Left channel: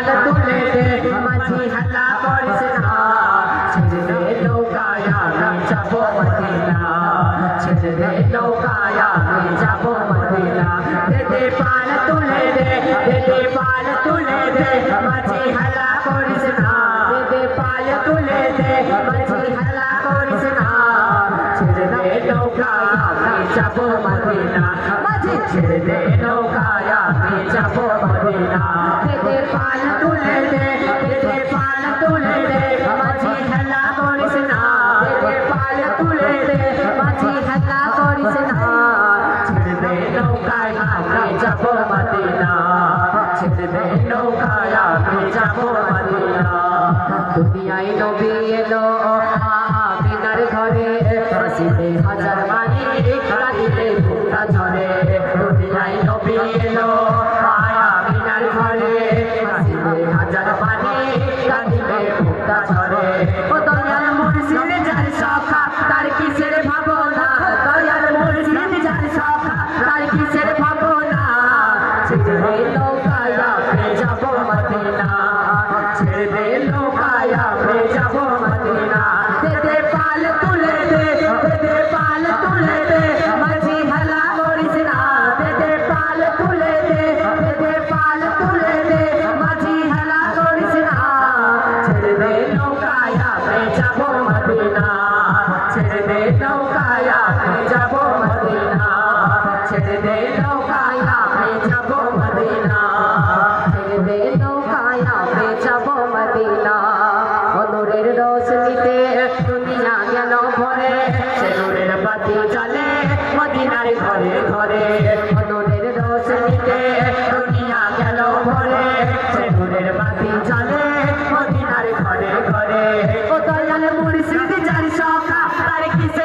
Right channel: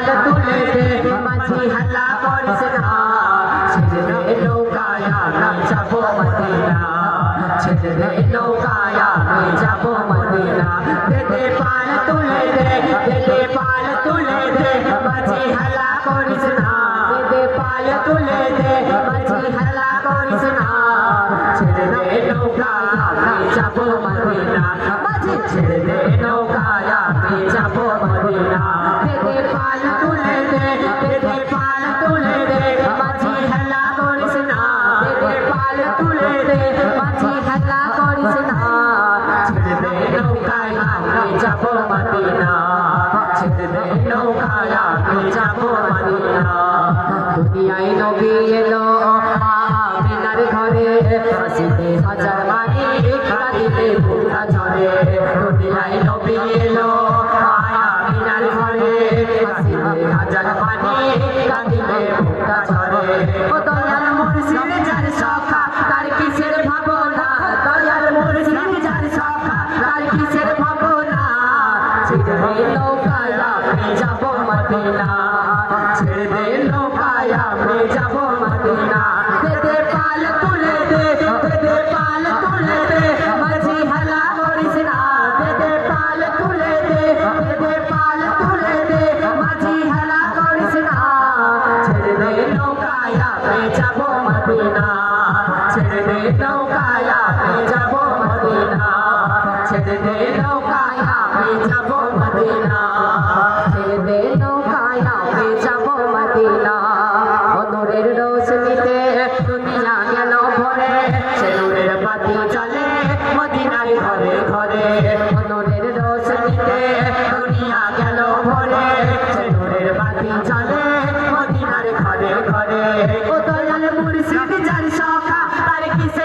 পাল তুলে দে মাঝি হাল্লা করিস না ছেড়ে দে নৌকায় আমি যাব মদিনা ছেড়ে দে নৌকায় আমি যাব মদিনা দে দে পাল তুলে দে দে দে পাল তুলে দে মাঝি হাল্লা করিস না দে দে পাল তুলে আমি মদিনা মাঝি ছেড়ে দে নৌকায় আমি যাব মদিনা দে পাল তুলে দে দে পাল তুলে দে মাঝি হাল্লা করিস না দে পাল তুলে দে মাঝি হাল্লা করিস না ছেড়ে দে নৌকায় আমি যাব মদিনা ছেড়ে দে নৌকায় আমি যাব মদিনা দুনিয়ায় নবী এলো আমিনার ঘরে হাসিতে হাজার মানি কাঁদিতে ফুটা ঝরে দুনিয়ায় নবী এলো আমিনার ঘরে হাসিতে হাজার মানি কাঁদিতে ফুটা ঝরে। ও নৌকায় যাব মদিনা ছেড়ে নৌকায় যাব মদিনা নৌকায় আমি যাব মদিনা? ছেড়ে দে নৌকায় আমি যাব মদিনা? ছেড়ে দে নৌকায় আমি যাব মদিনা? অনরের রোশনীতে দুনিয়া গেল ভরে। সে নূরের বাতি ঘরে ঘরে। ও দয়াল মুর্শিদ, যার সখা, তার কিসের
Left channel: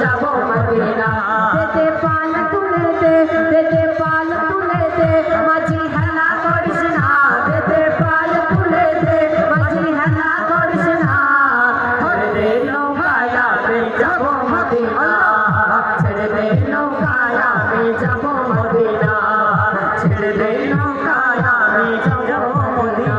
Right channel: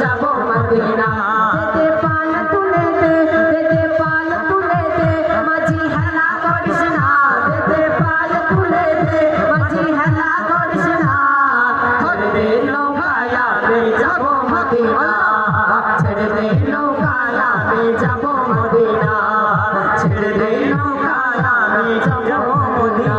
যাব মদিনা দে পাল তুলে দে দে পাল তুলে দে মাঝি হালা করিস না। দে পাল তুলে দে মাঝি হালা করিস না। ছেড়ে নৌকায় আমি যাব মদিনা ছেড়ে নৌকায় আমি যাব মদিনা ছেড়ে নৌকায় যাব মদিনা